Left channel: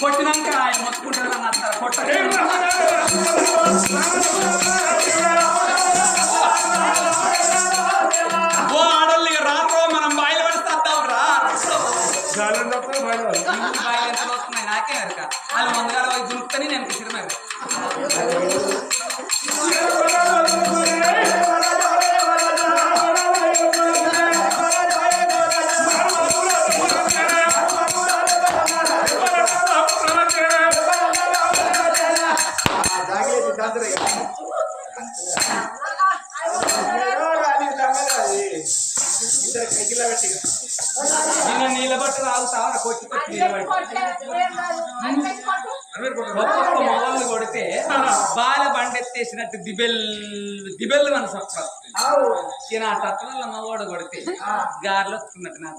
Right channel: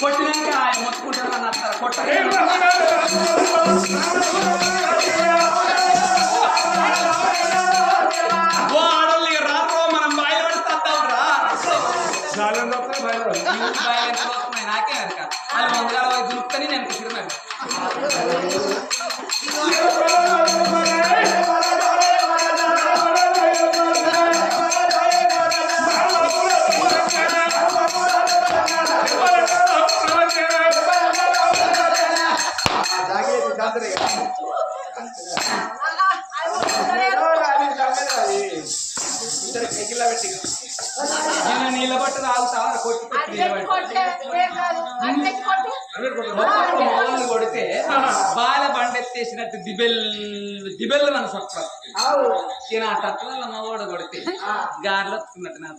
కొట్టినాక ఆయన మొత్తుకుంటారు అన్నారు కొట్ట ఓ ఆడోళ్ళు ఇక రారు మనం బాయిలు పడిస్తాం రా బాయిలు ఎంత వస్తున్నాయి నాకే అరక వాళ్ళు ముందుగా పోయి దులుపుకొని నేను సిరిమారు నీళ్ళ బట్ట తాగుతావా కొట్టి మొగళ్ళు కొడితే బాల బండెత్తేసినట్టు దిబెల్లు మన సొప్ప ఈయన ఆ తత్వంలో మగోడు కొడితే గారెలు వస్తున్నట్టు నా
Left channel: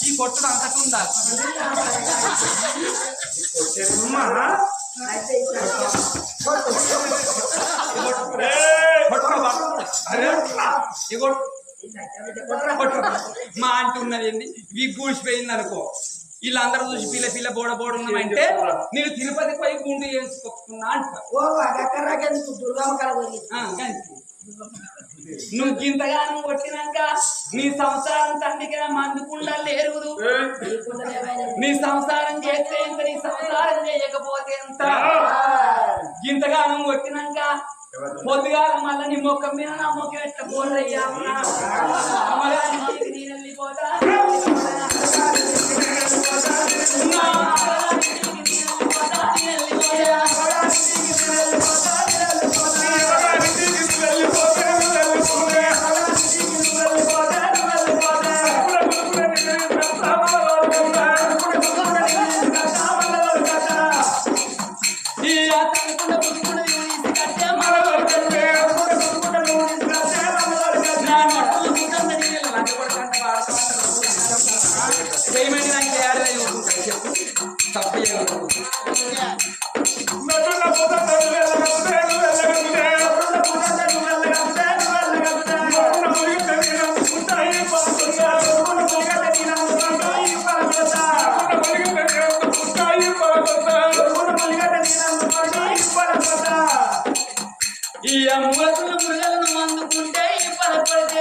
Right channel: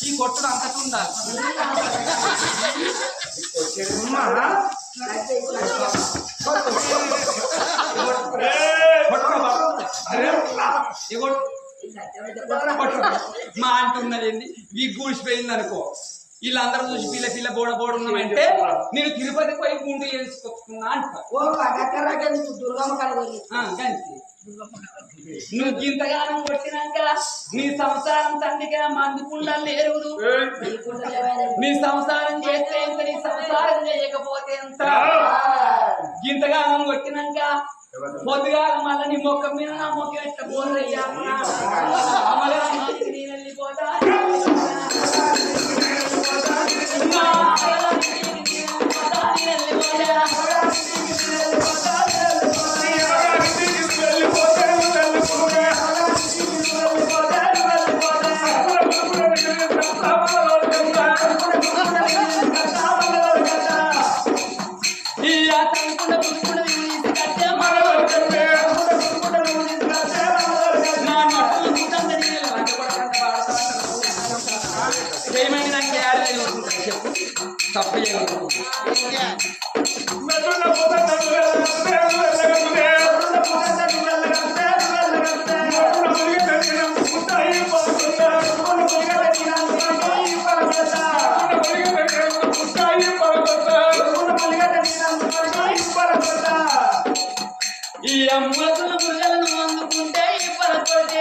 ఈ కొట్టుడు అంతకు ఉండాలి మా అంటున్నదండి వీక్ కూడిసిపోయింది అనుకో వీళ్ళందరూ చూసి పిల్ల పిల్ల బోడ ఉన్నామంటే నేను తిరుపతికి పోయి గుండు వేసుకొచ్చుకున్నా అంటారు నువ్వు ఇంతగానం కొట్టినాక నీ సంసారం తండ్రిగా మందుకుండాలి ఎరుగురు నీ సంసారం చేస్తే ఎంత నీ సంసారం చేయకపోతే ఎంత ఇంతగానం కొట్టినాక పొద్దుగా మళ్ళీ నీ మొక్క మీద నా మొక్క ఎట్లా పోరయ్యా నేను వెళ్ళిపోతా ఈ మూలకుల మురుగలను అందుకుంటే ఈ పరపడితే